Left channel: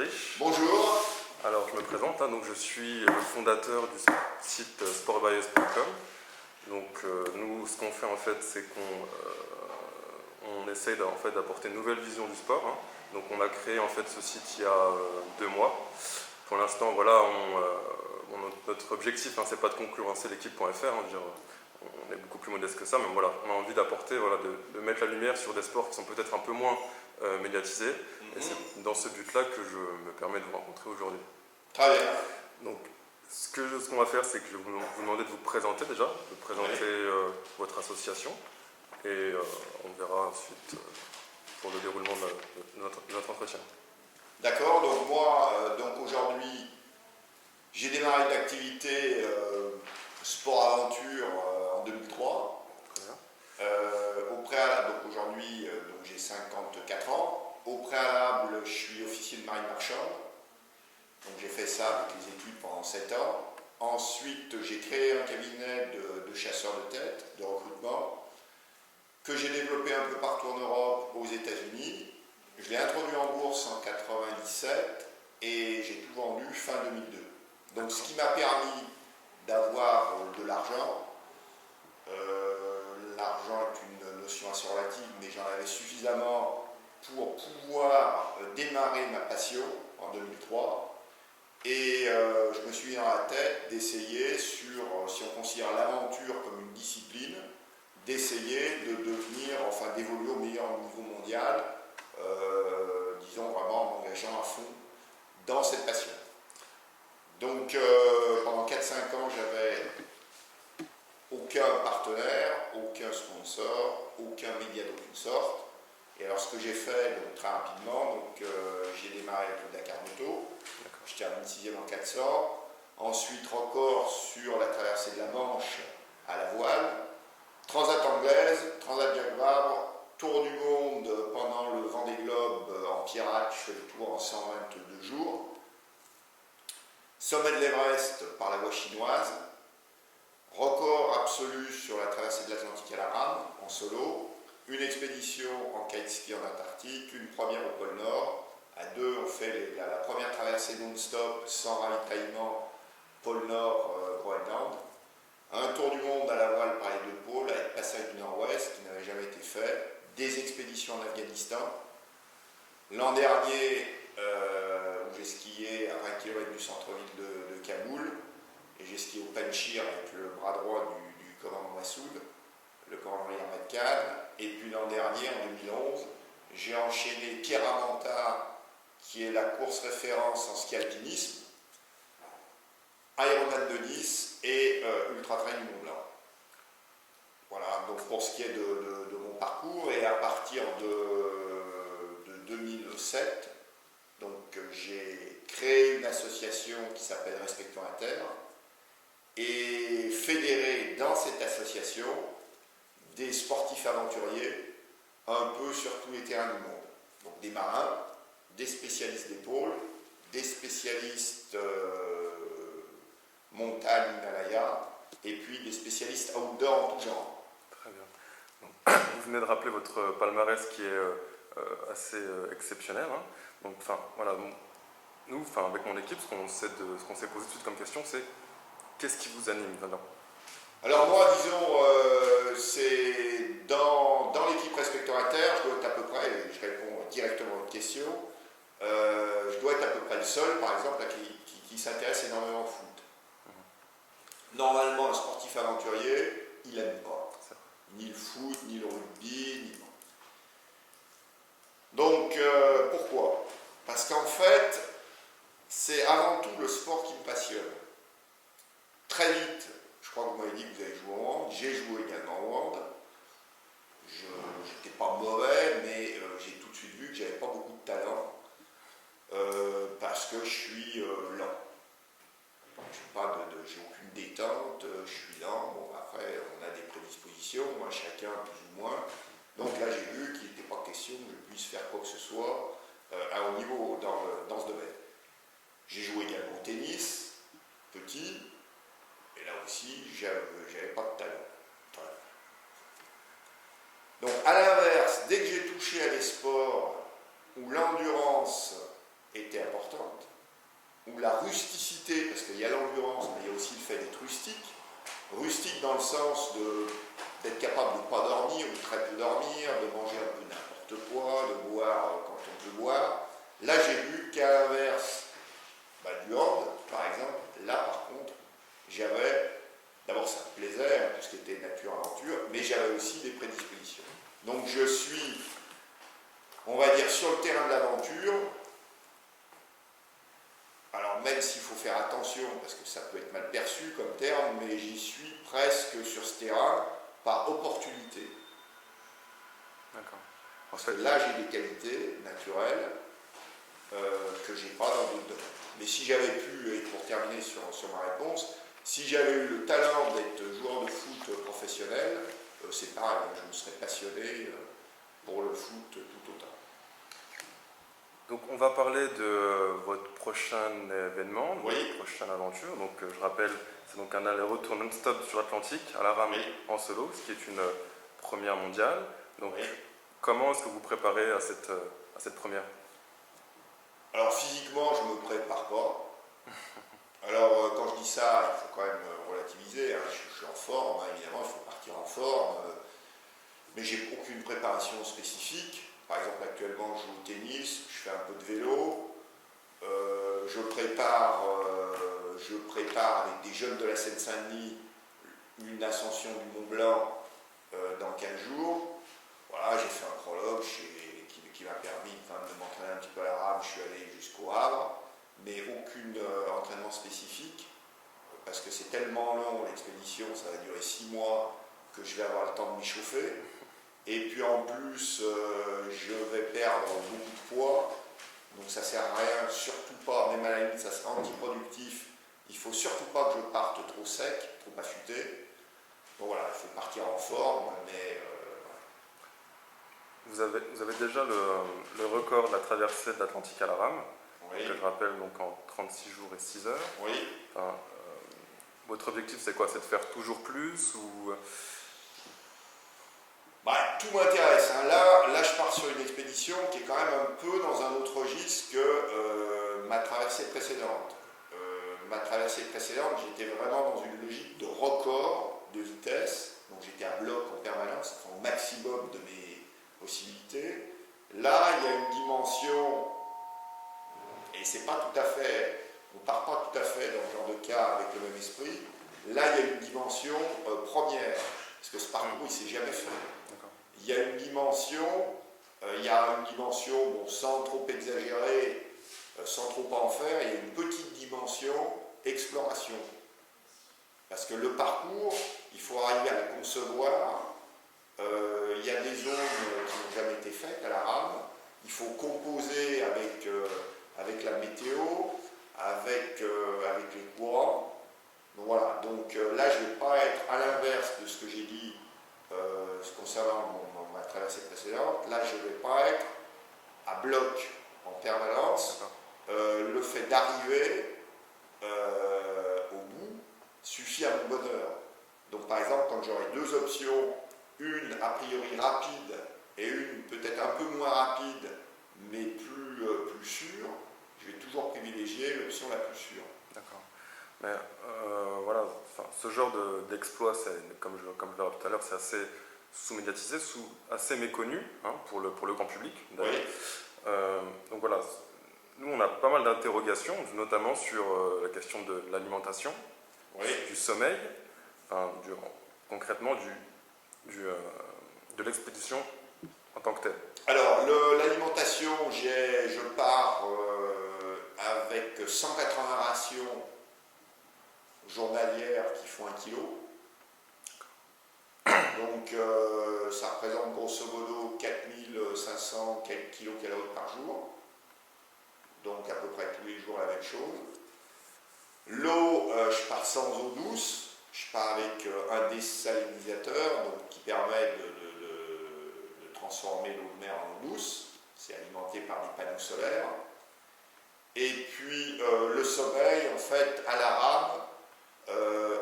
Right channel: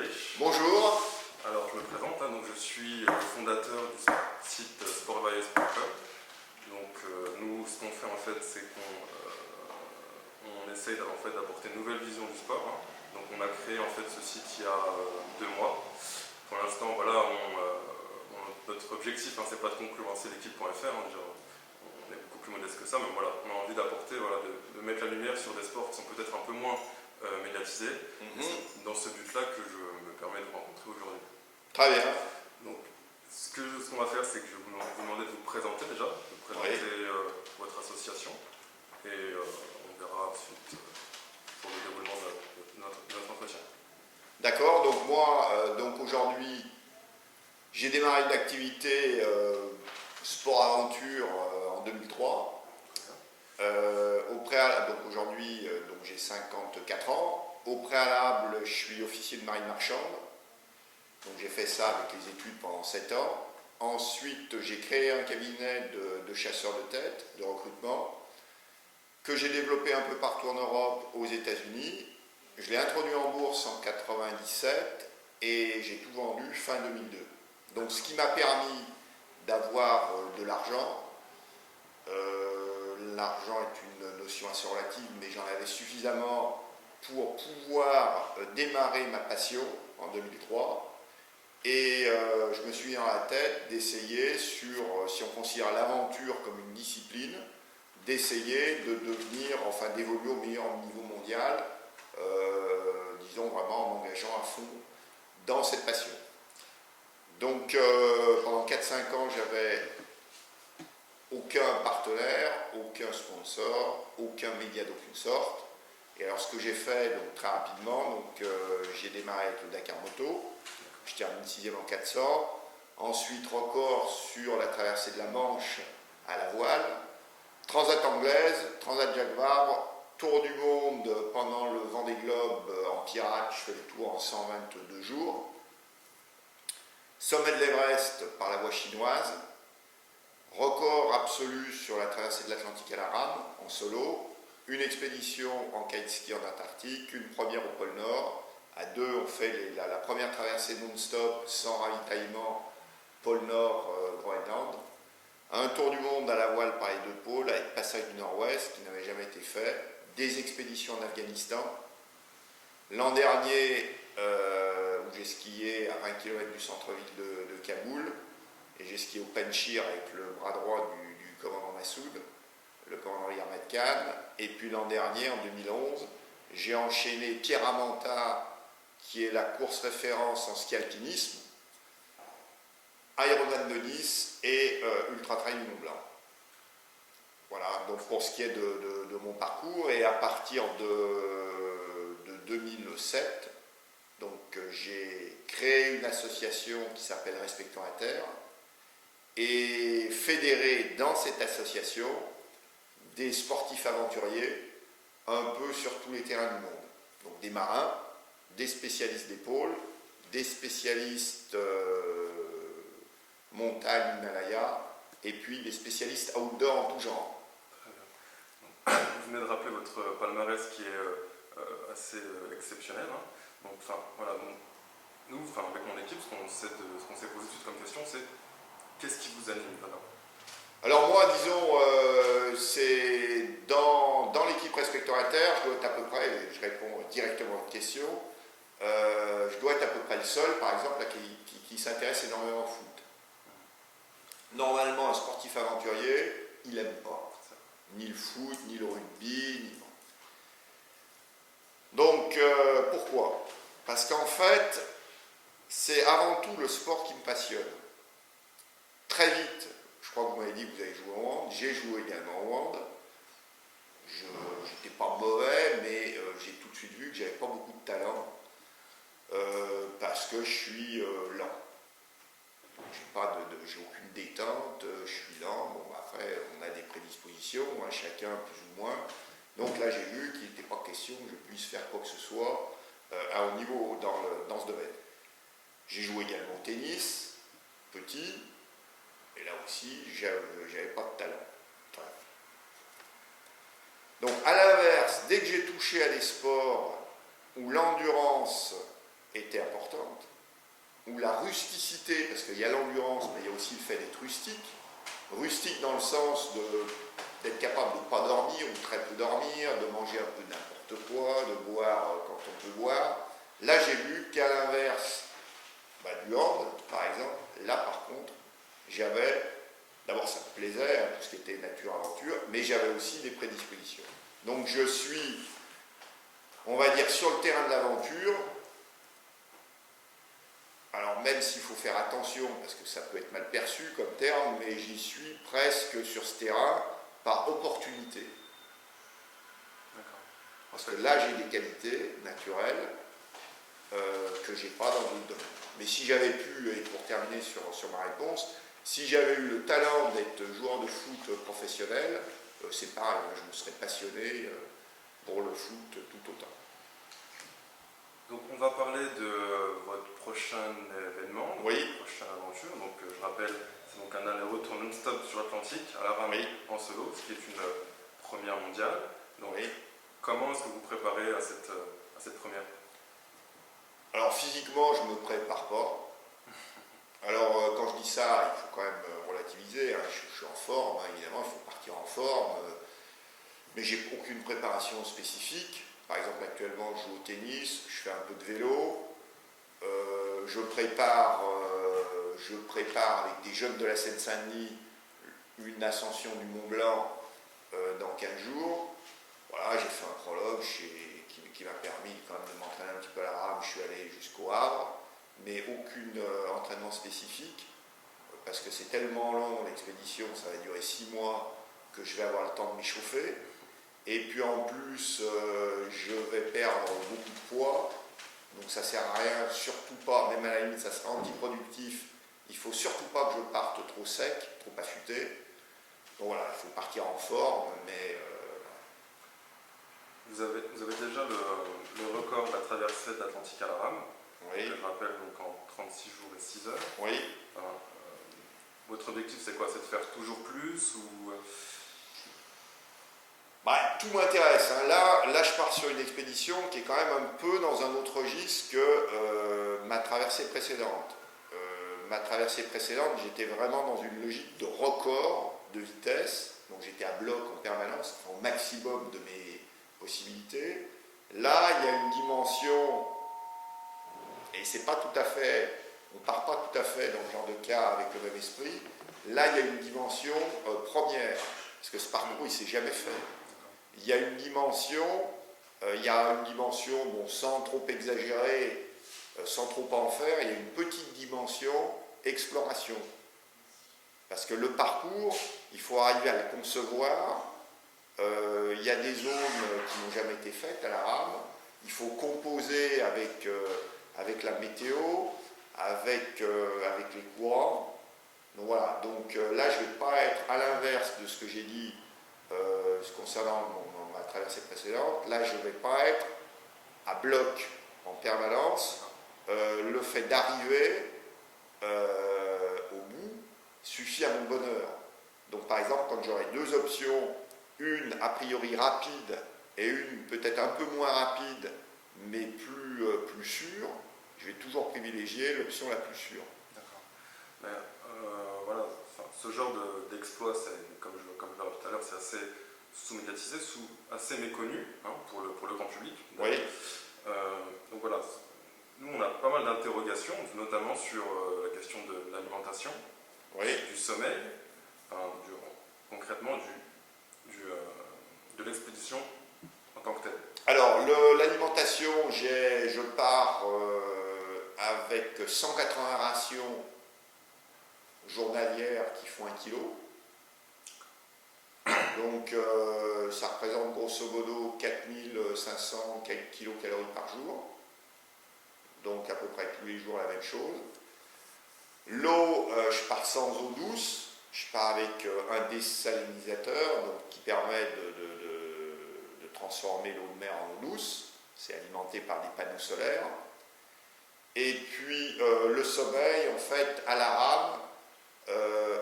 Frédéric. Bonjour. Alors je me présente, donc je suis le fondateur du site sportbias.com. Donc nous, ce qu'on fait en fait, c'est qu'on essaie d'apporter une nouvelle vision du sport. Donc on a créé en fait ce site il y a 2 mois. Pour l'instant, voilà, notre objectif, c'est pas de concurrencer l'équipe.fr, on est beaucoup plus modeste que ça, mais voilà, on a envie d'apporter, de mettre la lumière sur des sports qui sont peut-être un peu moins médiatisés. C'est dans ce but-là que je me permets de vous rencontrer aujourd'hui. Très bien. Donc, ce qu'on va faire, c'est que je vais vous demander de vous présenter déjà, de présenter votre association, et on verra ensuite pour le déroulement de notre entretien. D'accord, donc moi, aujourd'hui, j'ai démarré une activité sport-aventure en 2003. Au préalable, donc aujourd'hui, j'ai 54 ans. Au préalable, je suis officier de marine marchande. Donc j'ai fait ça avec les études pendant 7 ans. Ensuite, j'ai créé un cabinet de chasseurs de tête, de recrutement, que j'ai développé un peu partout en Europe, aux États-Unis. Je l'ai introduit en bourse en 97 et j'ai tout vendu fin 2002. Donc ce qui m'a permis d'avoir de l'argent. L'argent est une notion assez relative, mais j'en avais suffisamment pour pouvoir démarrer ma passion en 2003. Et je me suis mis dans la tête d'essayer, si on considère l'aventure comme une discipline, d'essayer de devenir, d'évoluer au meilleur niveau mondial, disons vraiment en m'engageant à fond dans cette passion. Donc pendant 4-5 ans, j'avais aucun partenaire, aucun sponsor, aucun média d'aucune sorte. Et alors ce que j'ai fait très rapidement, j'ai démarré avec le Dakar Moto, je termine 6e en 400, ensuite record sur la traversée de la Manche à la voile, Transat anglaise, Transat Jacques Vabre, tour du monde pendant le Vendée Globe en pirate, je fais le tour en 122 jours, sommet de l'Everest par la voie chinoise, record absolu sur la traversée de l'Atlantique à la rame, en solo, une expédition en kiteski en Antarctique, une première au pôle Nord, à 2 on fait la première traversée non-stop, sans ravitaillement, pôle Nord, Groenland, un tour du monde à la voile par les 2 pôles, avec passage du Nord-Ouest, qui n'avait jamais été fait, des expéditions en Afghanistan. L'an dernier, où j'ai skié à 20 km du centre-ville de Kaboul, et j'ai skié au Panchir avec le bras droit du commandant Massoud, le commandant Ahmad Khan. Et puis l'an dernier, en 2011, j'ai enchaîné Pierre Amanta, qui est la course référence en ski alpinisme, Ironman de Nice et Ultra Trail du Mont Blanc. Voilà, donc pour ce qui est de mon parcours, et à partir de 2007, j'ai créé une association qui s'appelle Respectons la Terre, et fédérer dans cette association des sportifs aventuriers un peu sur tous les terrains du monde. Donc des marins, des spécialistes d'épaule, des spécialistes montagne, Himalaya, et puis des spécialistes outdoor en tout genre. Très bien. Vous venez de rappeler votre palmarès qui est assez exceptionnel. Donc, nous, avec mon équipe, ce qu'on s'est posé tout comme question, c'est qu'est-ce qui vous anime maintenant? Alors moi, disons, c'est dans l'équipe Respectons la Terre, je dois être à peu près, et je réponds directement à votre question, je dois être à peu près le seul, par exemple, qui s'intéresse énormément au foot. Normalement, un sportif aventurier, il n'aime pas ni le foot, ni le rugby, ni... Donc, pourquoi? Parce qu'en fait, c'est avant tout le sport qui me passionne. Très vite, je crois que vous m'avez dit que vous avez joué au hand, j'ai joué également au hand. Je n'étais pas mauvais, mais j'ai tout de suite vu que j'avais pas beaucoup de talent, parce que je suis lent. J'ai aucune détente, je suis lent. Bon, après, on a des prédispositions, chacun plus ou moins. Donc là, j'ai vu qu'il n'était pas question que je puisse faire quoi que ce soit à haut niveau dans ce domaine. J'ai joué également au tennis, petit, et là aussi, j'avais pas de talent. Enfin, donc, à l'inverse, dès que j'ai touché à des sports où l'endurance est était importante, où la rusticité, parce qu'il y a l'endurance, mais il y a aussi le fait d'être rustique. Rustique dans le sens d'être capable de ne pas dormir ou très peu dormir, de manger un peu n'importe quoi, de boire quand on peut boire. Là, j'ai vu qu'à l'inverse du hand, par exemple, là, par contre, d'abord, ça me plaisait, hein, tout ce qui était nature-aventure, mais j'avais aussi des prédispositions. Donc, je suis, on va dire, sur le terrain de l'aventure. Alors, même s'il faut faire attention, parce que ça peut être mal perçu comme terme, mais j'y suis presque sur ce terrain par opportunité. Parce que là, j'ai des qualités naturelles que je n'ai pas dans d'autres domaines. Mais si j'avais pu, et pour terminer sur ma réponse, si j'avais eu le talent d'être joueur de foot professionnel, c'est pareil, je me serais passionné pour le foot tout autant. Donc on va parler de votre prochain événement, Oui. votre prochaine aventure. Donc je rappelle, c'est donc un aller-retour non-stop sur l'Atlantique à la rame en solo, ce qui est une première mondiale. Donc comment est-ce que vous préparez à cette première? Alors physiquement, je ne me prépare pas. Alors quand je dis ça, il faut quand même relativiser. Hein. Je suis en forme, hein, évidemment, il faut partir en forme. Mais j'ai aucune préparation spécifique. Par exemple, actuellement, je joue au tennis, je fais un peu de vélo. Je prépare avec des jeunes de la Seine-Saint-Denis une ascension du Mont Blanc dans 15 jours. Voilà, j'ai fait un prologue qui m'a permis quand même de m'entraîner un petit peu à la rame. Je suis allé jusqu'au Havre, mais aucun entraînement spécifique, parce que c'est tellement long l'expédition, ça va durer 6 mois, que je vais avoir le temps de m'échauffer. Et puis en plus, je vais perdre beaucoup de poids, donc ça sert à rien, surtout pas, même à la limite ça sera antiproductif, il faut surtout pas que je parte trop sec, trop affûté. Donc voilà, il faut partir en forme, mais... Vous avez déjà le record de la traversée de l'Atlantique à la rame, oui. Que je rappelle donc en 36 jours et 6 heures. Oui. Votre objectif c'est quoi? C'est de faire toujours plus ou... Tout m'intéresse. Hein. Là, je pars sur une expédition qui est quand même un peu dans un autre registre que ma traversée précédente. Ma traversée précédente, j'étais vraiment dans une logique de record de vitesse. Donc j'étais à bloc en permanence, enfin, au maximum de mes possibilités. Là, il y a une dimension, et c'est pas tout à fait, on part pas tout à fait dans le genre de cas avec le même esprit. Là, il y a une dimension première, parce que ce parcours, il s'est jamais fait. Il y a une dimension, bon, sans trop exagérer, sans trop en faire, il y a une petite dimension exploration. Parce que le parcours, il faut arriver à le concevoir. Il y a des zones qui n'ont jamais été faites à la rame. Il faut composer avec la météo, avec les courants. Donc voilà, donc là je ne vais pas être à l'inverse de ce que j'ai dit concernant ma traversée précédente. Là je ne vais pas être à bloc en permanence. Le fait d'arriver au bout suffit à mon bonheur. Donc par exemple, quand j'aurai deux options, une a priori rapide et une peut-être un peu moins rapide mais plus sûre, je vais toujours privilégier l'option la plus sûre. D'accord. Mais voilà, ce genre d'exploit, comme je l'ai dit tout à l'heure, c'est assez sous-médiatisé, assez méconnu pour le grand public. Oui. Donc voilà, nous on a pas mal d'interrogations, notamment sur la question de l'alimentation, du sommeil, concrètement de l'expédition en tant que telle. Alors, l'alimentation, je pars avec 180 rations journalières qui font 1 kilo. Donc, ça représente grosso modo 4500 kilocalories par jour. Donc, à peu près tous les jours la même chose. L'eau, je pars sans eau douce. Je pars avec un désalinisateur donc, qui permet de transformer l'eau de mer en eau douce. C'est alimenté par des panneaux solaires. Et puis le sommeil, en fait, à la rame,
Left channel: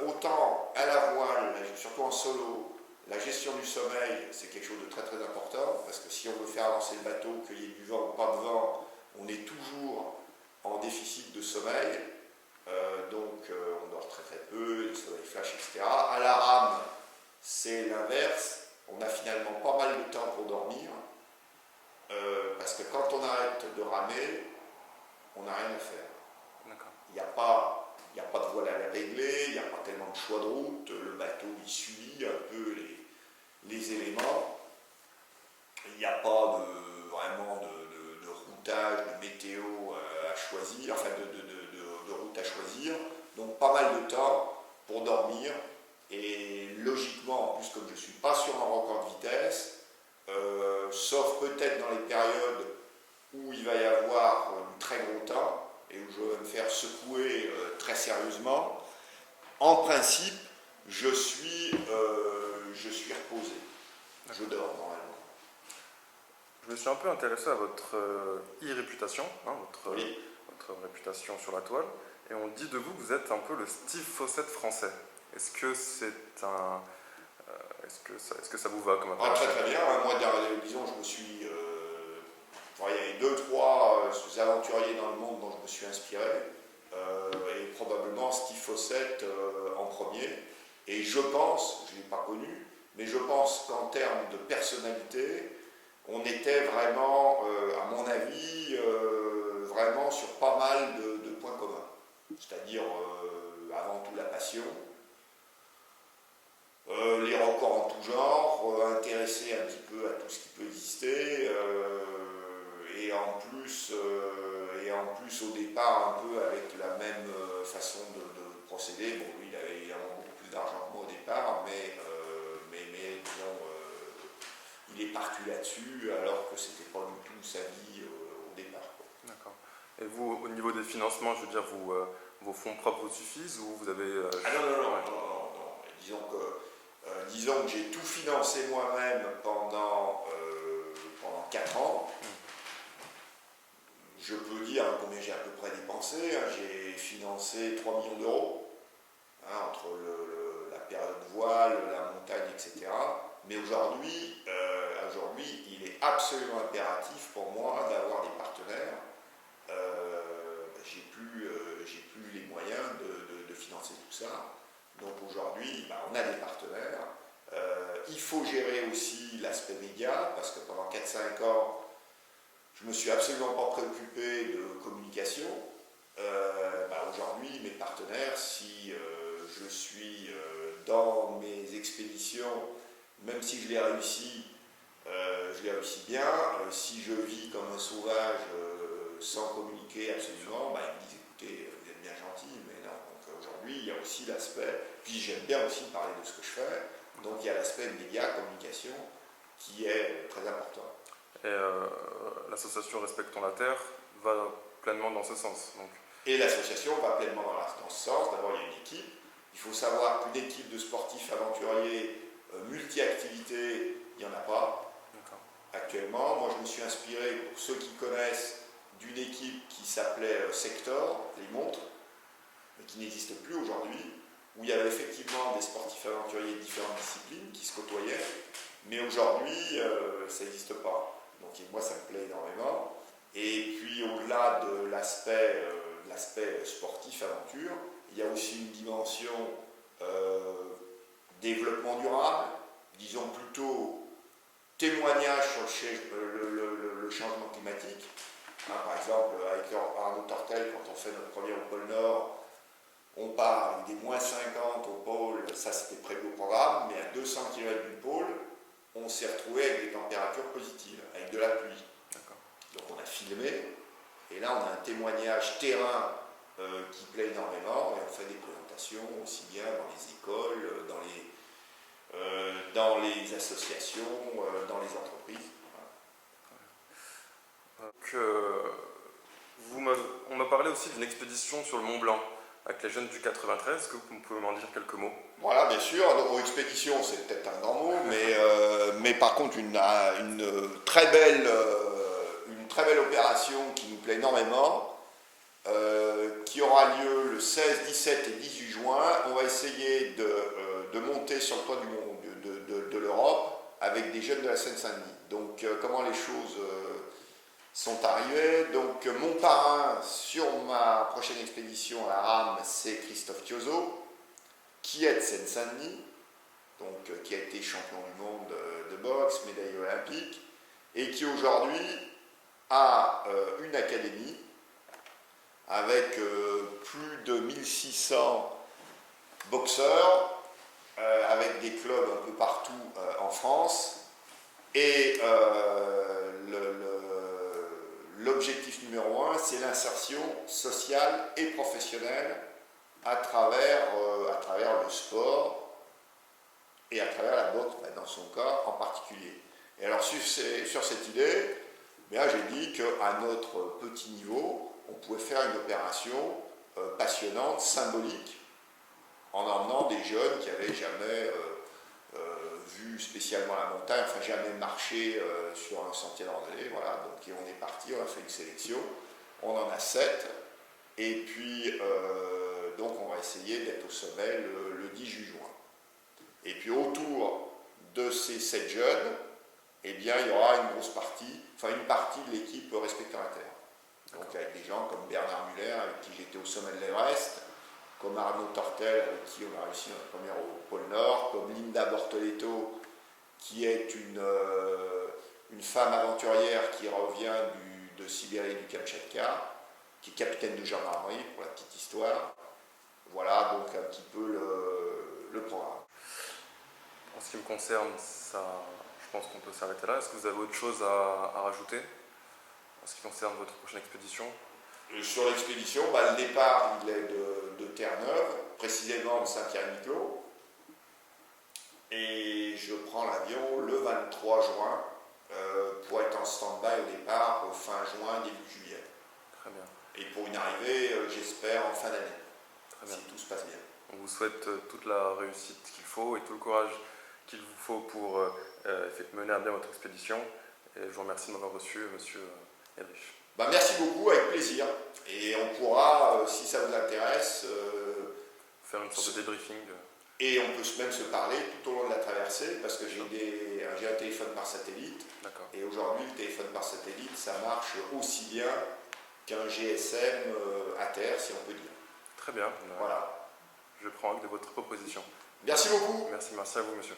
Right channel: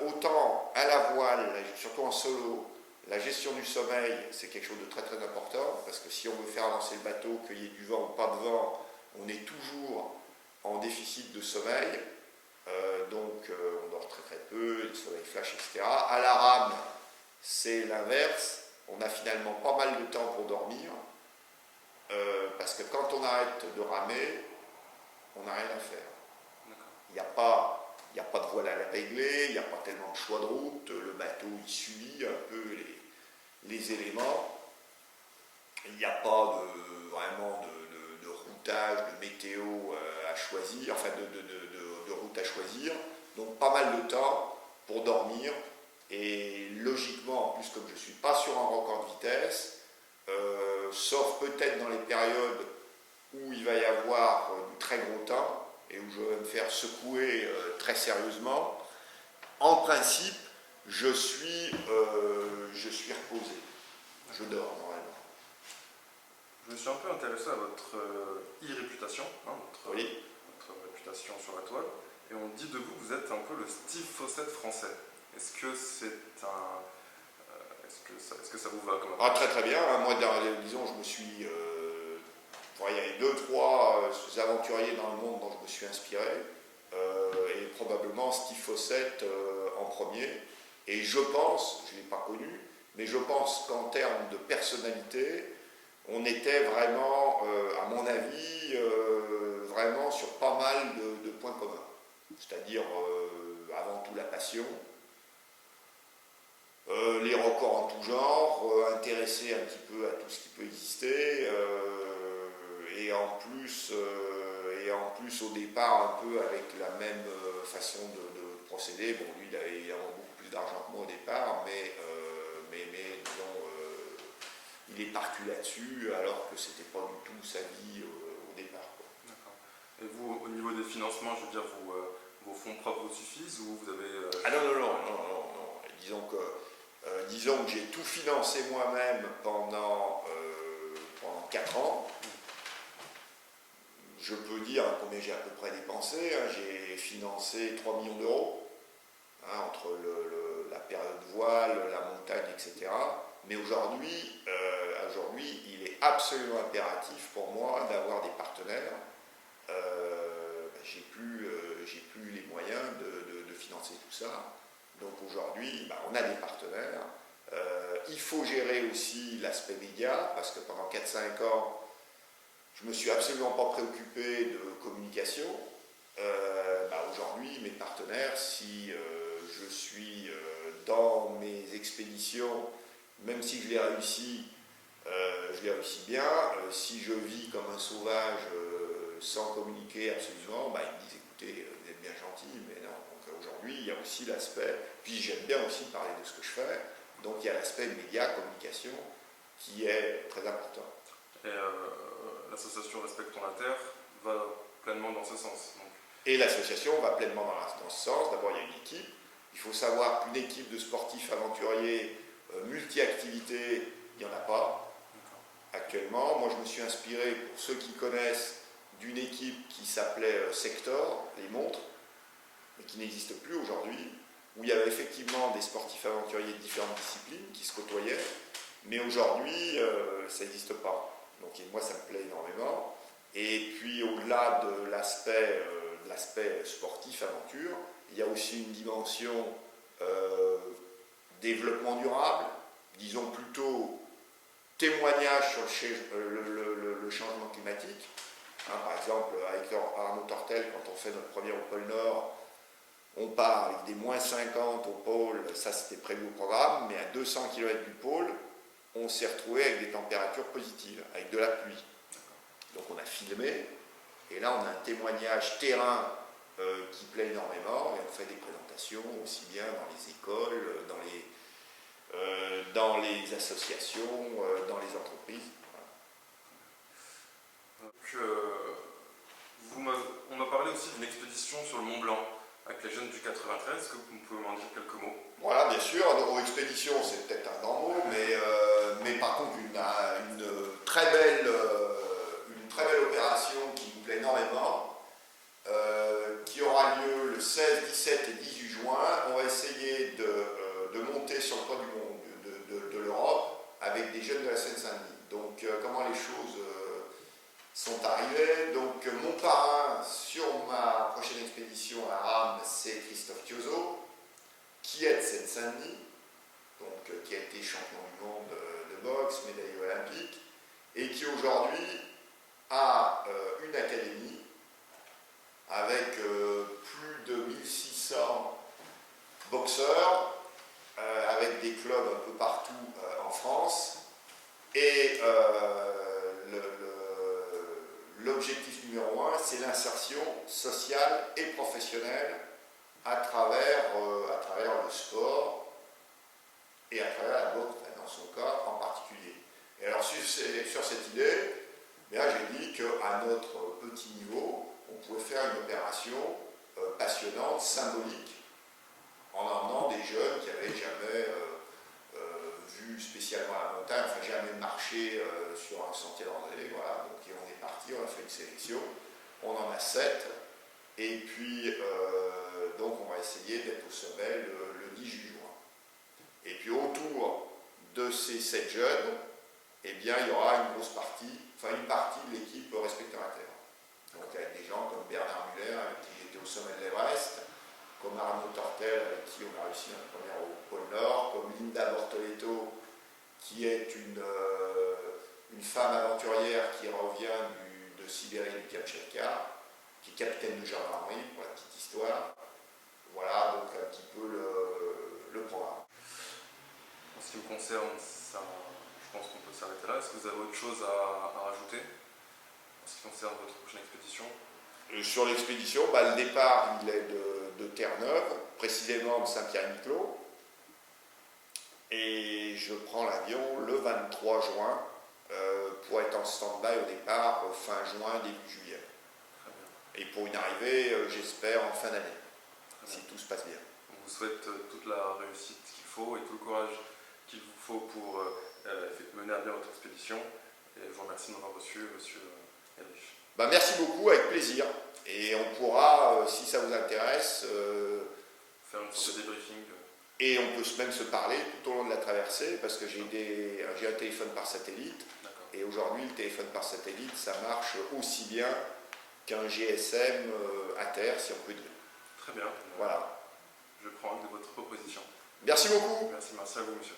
autant à la voile, surtout en solo, la gestion du sommeil, c'est quelque chose de très très important, parce que si on veut faire avancer le bateau, qu'il y ait du vent ou pas de vent, on est toujours en déficit de sommeil, donc on dort très très peu, le sommeil flash, etc. À la rame, c'est l'inverse, on a finalement pas mal de temps pour dormir, parce que quand on arrête de ramer, on n'a rien à faire. Il n'y a pas de voile à régler, il n'y a pas tellement de choix de route, le bateau il suit un peu les éléments, il n'y a pas vraiment de routage, de météo à choisir, enfin de route à choisir, donc pas mal de temps pour dormir, et logiquement, en plus comme je ne suis pas sur un record de vitesse, sauf peut-être dans les périodes où il va y avoir du très gros temps, et où je vais me faire secouer très sérieusement, en principe, je suis reposé. Je dors normalement. Je me suis un peu intéressé à votre e-réputation, hein, votre réputation sur la toile, et on dit de vous que vous êtes un peu le Steve Fossett français. Est-ce que ça vous va comme Très très bien. Moi, disons, je me suis... il y a eu 2-3 aventuriers dans le monde dont je me suis inspiré, et probablement Steve Fossett en premier. Et je pense, je ne l'ai pas connu, mais je pense qu'en termes de personnalité, on était vraiment, à mon avis, vraiment sur pas mal de points communs. C'est-à-dire, avant tout, la passion, les records en tout genre, intéressé un petit peu à tout ce qui peut exister, et en plus au départ un peu avec la même façon de procéder. Bon, lui il avait évidemment beaucoup plus d'argent que moi au départ, mais disons, il est parti là-dessus alors que c'était pas du tout sa vie au départ, quoi. D'accord. Et vous, au niveau des financements, je veux dire, vos fonds propres vous suffisent ou vous avez... Ah non. Disons que j'ai tout financé moi-même pendant 4 ans. Je peux dire combien j'ai à peu près dépensé. J'ai financé 3 millions d'euros, entre la période voile, la montagne, etc. Mais aujourd'hui, il est absolument impératif pour moi d'avoir des partenaires. J'ai plus les moyens de financer tout ça. Donc aujourd'hui, on a des partenaires. Il faut gérer aussi l'aspect média, parce que pendant 4-5 ans, je ne me suis absolument pas préoccupé de communication. Aujourd'hui, mes partenaires, si je suis dans mes expéditions, même si je les réussis bien. Si je vis comme un sauvage sans communiquer absolument, ils me disent écoutez, vous êtes bien gentil, mais non. Donc aujourd'hui, il y a aussi l'aspect, puis j'aime bien aussi parler de ce que je fais, donc il y a l'aspect média, communication, qui est très important. Et l'association Respectons la Terre va pleinement dans ce sens. Donc. Et l'association va pleinement dans ce sens. D'abord, il y a une équipe. Il faut savoir qu'une équipe de sportifs aventuriers multi-activités, il n'y en a pas actuellement. Moi, je me suis inspiré, pour ceux qui connaissent, d'une équipe qui s'appelait Sector, les montres, mais qui n'existe plus aujourd'hui, où il y avait effectivement des sportifs aventuriers de différentes disciplines qui se côtoyaient, mais aujourd'hui, ça n'existe pas. Donc moi, ça me plaît énormément. Et puis, au-delà de l'aspect sportif, aventure, il y a aussi une dimension développement durable, disons plutôt témoignage sur le changement climatique. Par exemple, avec Arnaud Tortel, quand on fait notre premier au pôle Nord, on part avec des moins 50 au pôle, ça c'était prévu au programme, mais à 200 km du pôle, on s'est retrouvé avec des températures positives, avec de la pluie. Donc on a filmé, et là on a un témoignage terrain qui plaît énormément, et on fait des présentations aussi bien dans les écoles, dans les associations, dans les entreprises. Donc, on m'a parlé aussi d'une expédition sur le Mont Blanc avec les jeunes du 93. Est-ce que vous pouvez m'en dire quelques mots? Voilà, bien sûr. Alors, expédition, c'est peut-être un grand mot, mais par contre, une très belle opération qui nous plaît énormément, qui aura lieu le 16, 17 et 18 juin. On va essayer de monter sur le toit de l'Europe avec des jeunes de la Seine-Saint-Denis. Donc, comment les choses sont arrivées. Donc, mon parrain sur ma prochaine expédition à la rame, c'est Christophe Thiozot, qui est de Seine-Saint-Denis, donc qui a été champion du monde de boxe, médaillé olympique, et qui aujourd'hui a une académie avec plus de 1600 boxeurs, avec des clubs un peu partout en France. Et l'objectif numéro un, c'est l'insertion sociale et professionnelle à travers le sport et à travers la boxe, dans son cas en particulier. Et alors sur cette idée, j'ai dit qu'à notre petit niveau, on pouvait faire une opération passionnante, symbolique, en emmenant des jeunes qui n'avaient jamais vu spécialement la montagne, enfin jamais marché sur un sentier de randonnée, voilà. Donc on est parti, on a fait une sélection, on en a 7, et puis donc on va essayer d'être au sommet le 18 juin. Et puis autour de ces 7 jeunes, il y aura une partie de l'équipe Respecteurs à Terre. Donc avec des gens comme Bernard Muller, avec qui j'étais au sommet de l'Everest, comme Arnaud Tortel, avec qui on a réussi notre première au pôle Nord, comme Linda Bortoletto, qui est une femme aventurière qui revient de Sibérie et du Kamtchatka, qui est capitaine de gendarmerie, pour la petite histoire. Voilà donc un petit peu le programme. En ce qui me concerne, ça, je pense qu'on peut s'arrêter là. Est-ce que vous avez autre chose à rajouter en ce qui concerne votre prochaine expédition? Sur l'expédition, le départ il est de Terre-Neuve, précisément de Saint-Pierre-et-Miquelon, et je prends l'avion le 23 juin pour être en stand-by au départ fin juin, début juillet. Très bien. Et pour une arrivée, j'espère, en fin d'année, si tout se passe bien. On vous souhaite toute la réussite qu'il faut et tout le courage qu'il vous faut pour mener à bien votre expédition. Et je vous remercie de m'avoir reçu, monsieur Yalvich. Merci beaucoup, avec plaisir. Et on pourra, si ça vous intéresse, faire une sorte de débriefing. Et on peut même se parler tout au long de la traversée, parce que j'ai un téléphone par satellite. Et aujourd'hui, le téléphone par satellite, ça marche aussi bien qu'un GSM à terre, si on peut dire. Très bien. Voilà. Je prends acte de votre proposition. Merci beaucoup. Merci à vous, monsieur.